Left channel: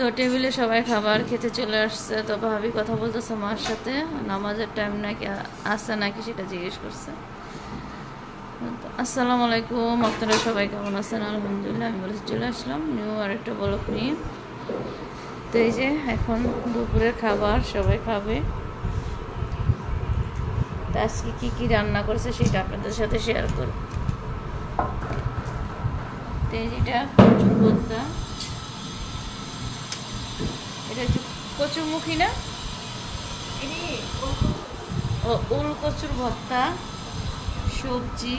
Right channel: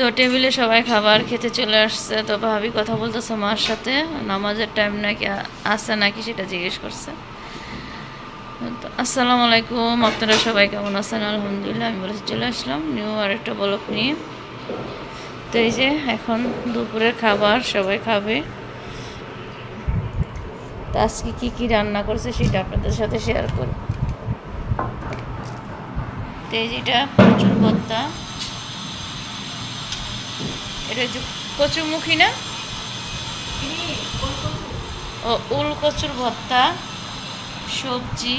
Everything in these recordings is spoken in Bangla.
তো টেবিলে সবাই খাবার খেতে চলে আসছে। তো ভাবি কথা বলতেছে মার সাথে, নামাজের টাইম নাকি আসছে নাকি সেটা জিজ্ঞেস করছে। তো আসসালামু আলাইকুম, আপনারা সবাই কেমন আছেন? আলহামদুলিল্লাহ, আমি বলেছি চলে আসলাম নিউ আরেকটা ব্লগ নিয়ে। তো এই যে এখন দুপুরের খাবার সবাই খাবে। তো আজকে কী কী রান্না করছে সেটা আপনাদের সাথে শেয়ার করি। তো এই যেটা কচুর ভর্তা, এটা হচ্ছে কচুরমুখী না, ও উল কচুর ভর্তা, সবজি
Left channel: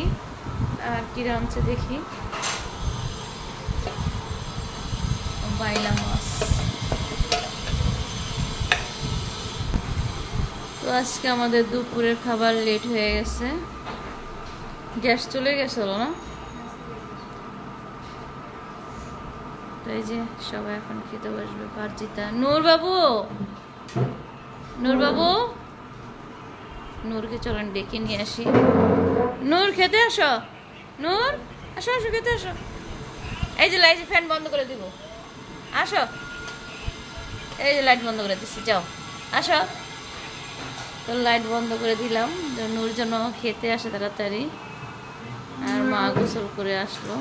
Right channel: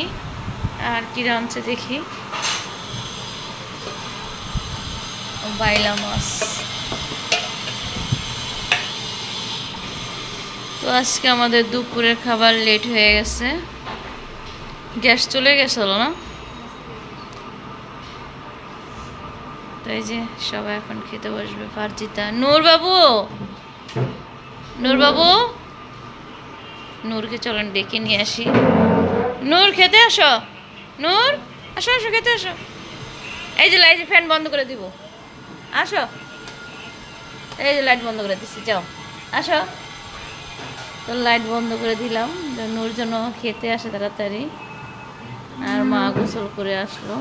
আর কি রাঁধছে দেখি, বাইলা মাছ। তো আজকে আমাদের দুপুরের খাবার লেট হয়ে গেছে, গ্যাস চলে গেছিল না। তো এই যে সবাই এখন খেতে বসবে। ফারজিতা, নূর বাবু, নূর বাবু, নূরকে চলেন ডেকে নিয়ে আসি। নূর খেতে আসো, নূর আসো আসো খেতে আসো। এই যে লাইট, ফ্যান বন্ধ করে দিব, আসো। এই যে লাইট বন্ধ করে দিচ্ছি, যাও আসো। তো লাইট বন্ধ করে দিলাম, নূর জন্য খেতে আসে তাড়াতাড়ি। আর মা গোসল করে আসলো।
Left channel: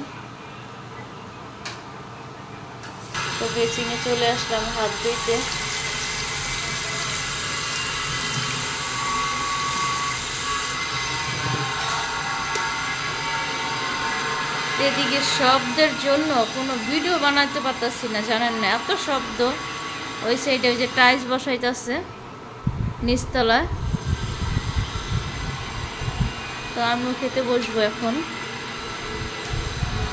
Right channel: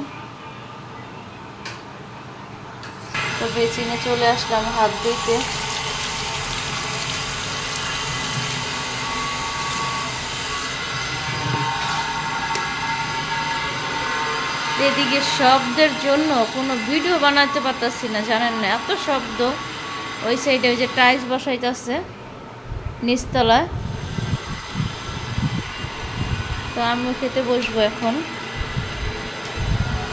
তো বেচিনে চলে আসলাম হাত ধুইতে। এদিকে শব্দের জন্য কোনো ভিডিও বানাতে পারতাছি না, জানেন না, এত শব্দ। ওই সাইডে ওই যে টাইলস বসাইতেছে নিচতলায়। তো আমিও খেতে বসবো এখন।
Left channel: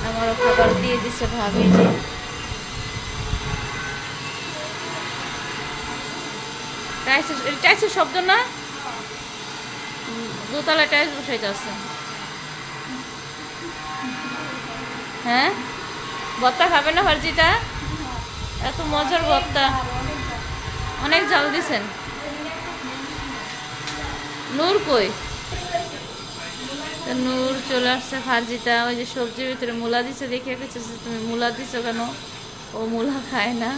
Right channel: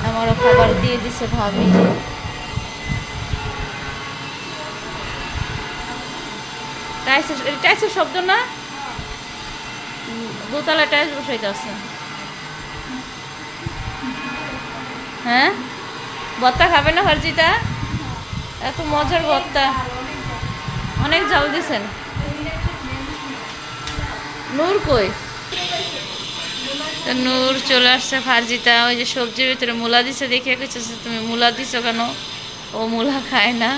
আমারও খাবার দিয়ে দিছে ভাবি। টাইলসের শব্দ না, দোতলায় টাইলস বসাইতেছে। হ্যাঁ, ভর্তা খাবে না ফারজিতা? এত মজার ভর্তা, অনেক ঝাল দিছেন। নূর কই? তো নূর চলে আসছে। ফারজিতা ওই যে সবজির ভিতরে মূলা দিছে, দেখে কিছু তুমি মূলা দিছো কেন? ও মূলা খায় না।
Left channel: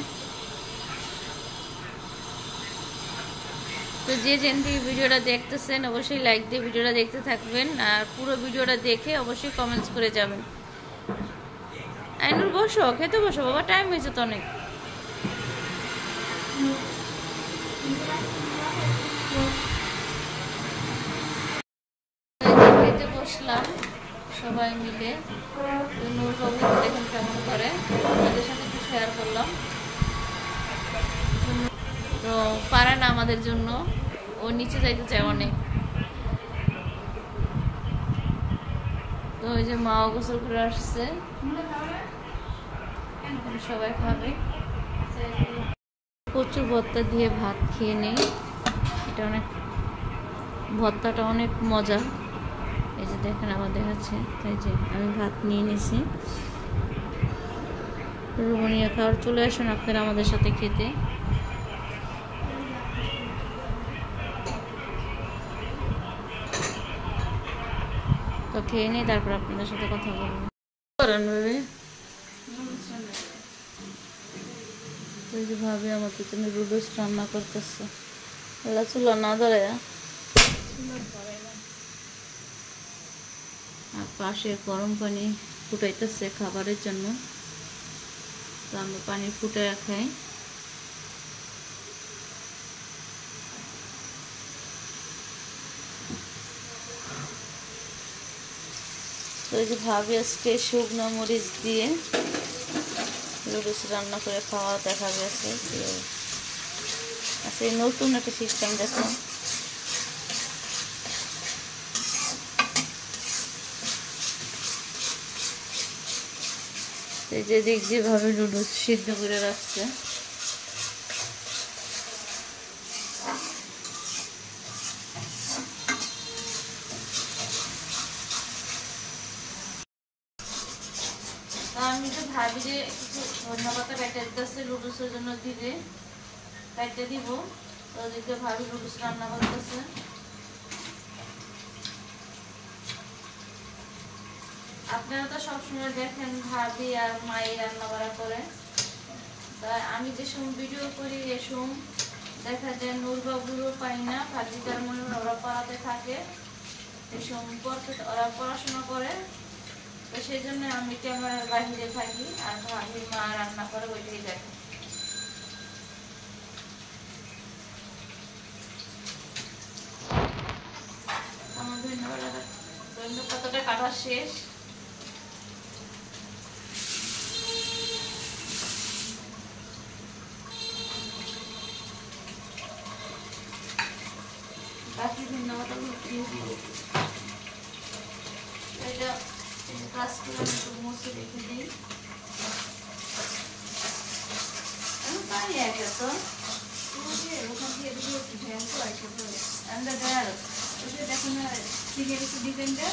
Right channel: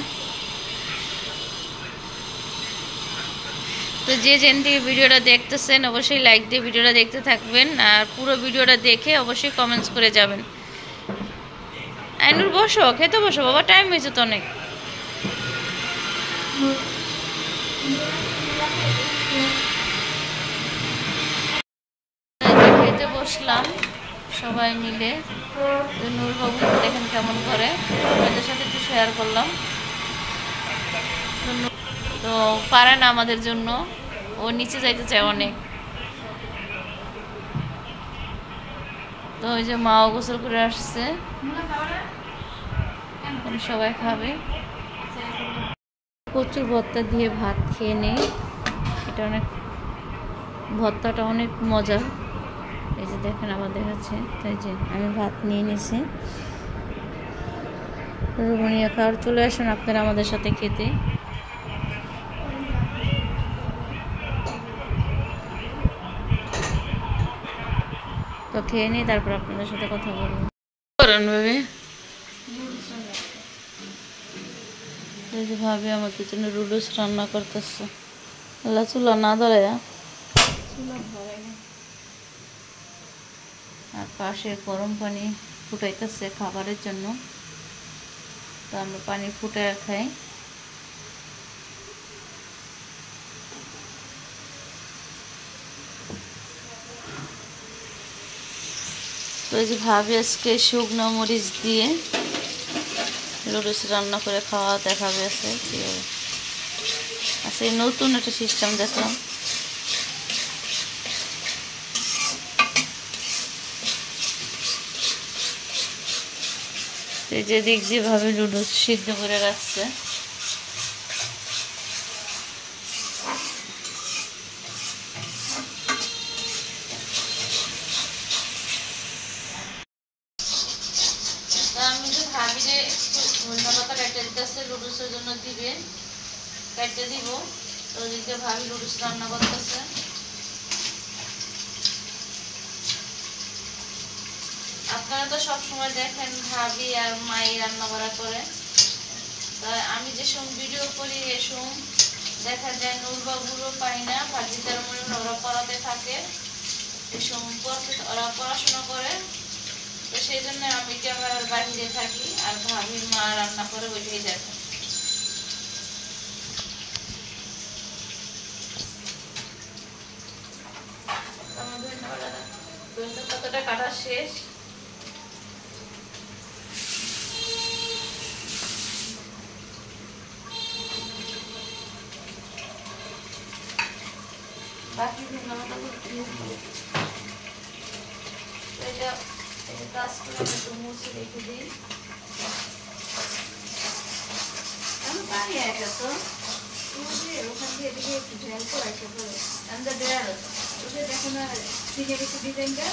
তো যে যেন থেকে ভিডিওটা দেখতেছেন অবশ্যই লাইক দিয়ে ভিডিওটা দেখতে থাকবেন, আর পুরো ভিডিওটা দেখে অবশ্যই কমেন্টস করে যাবেন। আইনুর বসো, খেতে বসো বাবা, টাইম হয়েছে তো অনেক। খেতে বসলাম সবাই মিলে। নূর বাবু দেখেন কেমন করে, আমাদের সাথে একটু শেয়ার করলাম। তো পারে না আমাদের জন্য, ও নিচে যাইতে চায় অনেক। তো ওই যে মাও গোসল করে আসছে, সবাই খাবে। কচুর ভর্তা দিয়ে ভাত খেয়ে নেই, এটা অনেক, ভর্তাটা অনেক মজা। এই যে দেখেন আবার দেখাচ্ছে। তাই যে আমি ভাত নিয়ে নিছি। রুমনিয়া খাওয়ার চলে আসুন আপনারা আমাদের সাথে খেতে। তো খেয়ে নিই, তারপর আপনাদের সাথে কথা বলবো। করেন ভাবি? এই যে ভাবি আমাদের জন্য রুডুস রান্না করতেছে। চুলা না ধরে, আর পাশে গরম পানি ফুটাইতেছে খাবারের জন্য। তো আমরা পানি ফুটায় খাই। তো এই যে ভাবি আজকে শুকনো মরিচ দিয়ে লুডুস রান্না করে খাওয়া দেখাবে। আছে কীভাবে, আচ্ছা এই নতুন একটা সিস্টেম দেখলাম। এই যে দিক যেভাবে লুডুস সিদ্ধ করে রাখছে। আমি তো ভাবি যে একটু ধন্যবাদ কেটে দিতেছে, লুডুসের জন্য দিবে, কেটে দিব। তো ওদিকে ভাবি লুডুস রান্না করতেছে। আপনারা তো সবসময় দেখেন ভাবি আর মাই রান্না করা করে। তাই আমি যে সময় ভিডিও করি এ সময় দেখা যায় নূরবাবুরও পাই না, ভাজিকার মনে ওরা পড়াতে থাকে, এ সময় ওরা পড়াশোনা করে। তো সেই জন্য আমি ক্যামেরার বাহিরে থাকি আর ভাবির মা রান্না করে ওইটাই দেখো। আমার ধন্যবাদ পাতাটা কাটা শেষ। বাকি ধন্যবাদগুলো দিয়ে দিব। এটা কাজগুলো আমি একটু মুছে রেখে দিই। আমি পারি একা তো ওখান থেকে এদিকে একটু ঝাল তো আসে আমরা দেয়াল ওটা দেখো না সিলের একটু ডিজাইনটা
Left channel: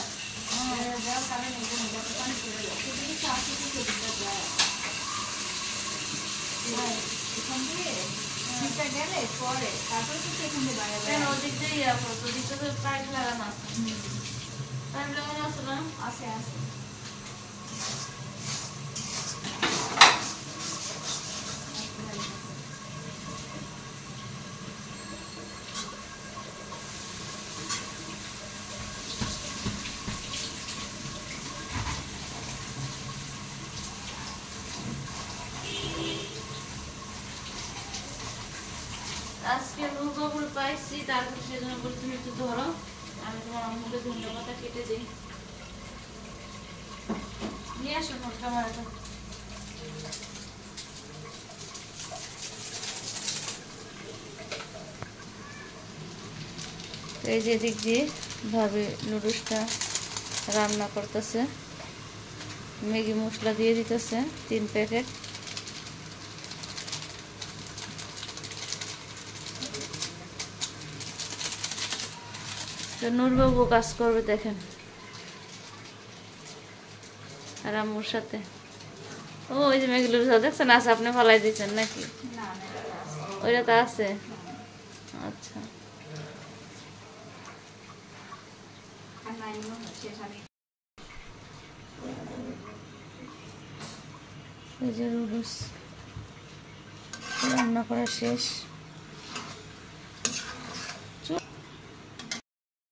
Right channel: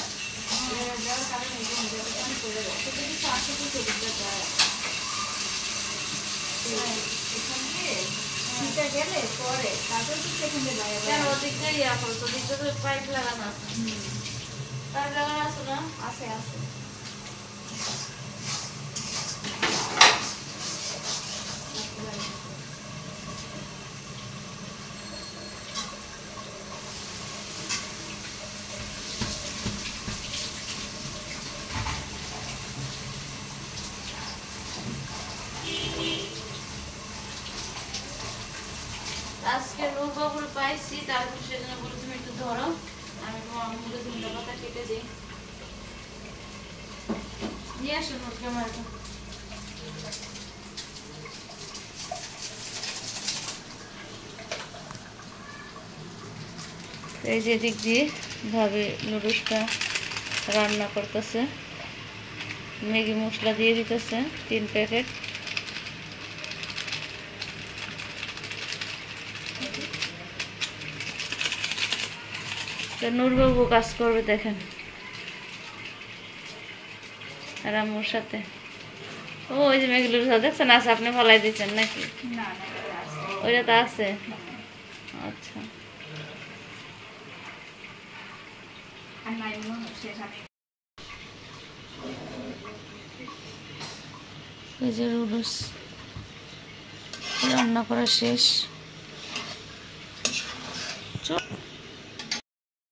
যার কারণে পানি করে দেয় সেটা কিন্তু আসে কি করতে যায় এখান দিয়ে শীতে গেলে পরে তারপর তো সেখান দিয়ে বাইরে কেন ওদিক দিয়ে ইয়া করো তো দিক থেকে পাইপ লাগানো আছে। পাইপ লাগানো আছে না? আছে আছে। আজকে নৌকাগুলো পাইছি, তারপর সেজন্য বলে তুমি একটু ধরো, আমি তোমার মুখে ধনিয়া পাতা কেটে দিই। নিয়ে আসো নোটটা মারটা। এই যে দিক দিয়ে ভাবে নুডলসটা রান্না করতেছে, ম্যাগি মশলা দিয়ে দিতেছে 3 প্যাকেট। তো নূরবাবু কাজ করবে দেখেন আর আম্মুর সাথে। ও ওই যে ম্যাগি লুডুস দেখছেন আছে, আপনি ফালাই দিচ্ছেন নাকি? ওইটা তো আছে। আচ্ছা এই যে লুডুস রান্না করা শেষ।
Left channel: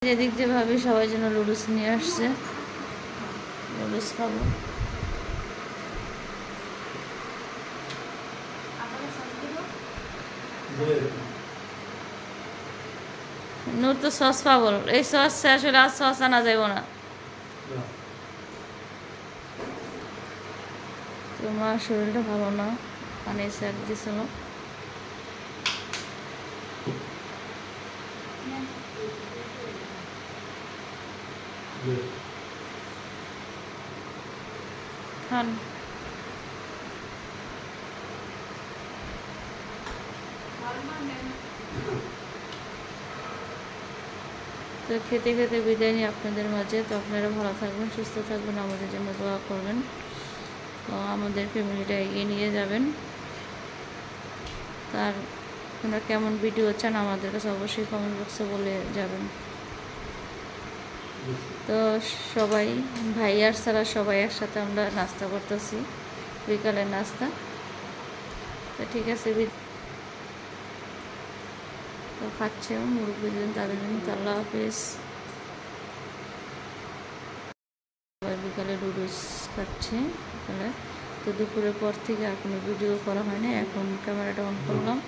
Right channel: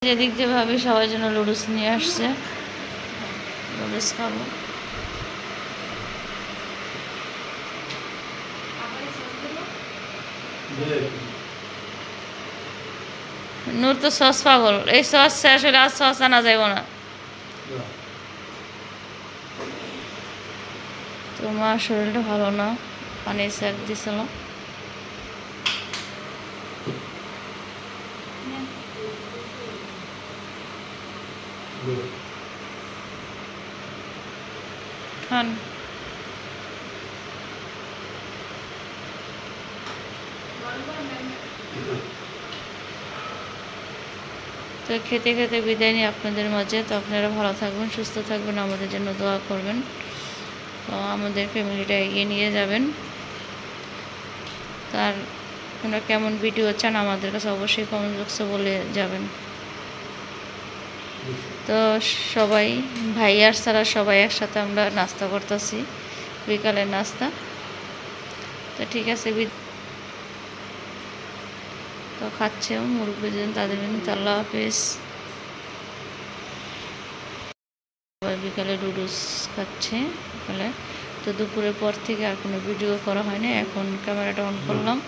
যেদিক যে ভাবি সবাই জন্য লুডুস নিয়ে আসছে, লুডুস খাবো। নূর তো সস পাগল, এই সস শেষ হলে আর সস আনা যাইব না। তো মার শরীরটা ভালো না, পানি সেক দিছিল। খান। তো খেতে খেতে বিদায় নিই আপনাদের মাঝে। তো আপনারা ভালো থাকবেন, সুস্থ থাকবেন, আমাদের জন্য দোয়া করবেন, তো আমাদের ফ্যামিলিটা এগিয়ে নিয়ে যাবেন। তার আপনারা কেমন ভিডিও চান আমাদের কাছে অবশ্যই কমেন্ট বক্সে বলে যাবেন। তো সবাই ভাই আর সারা সবাই একসাথে আমরা নাস্তা করতেছি, বিকালের নাস্তা। তো ঠিক আছে, তো খাচ্ছেও মুরব্বীদের, তাদের আল্লাহ হাফেজ। সবাই বিকালে নুডলস খাচ্ছে বিকালে। তো দুপুরের পর থেকে আর কোনো ভিডিও করা হয়নি, এখন ক্যামেরাটা অন করলাম।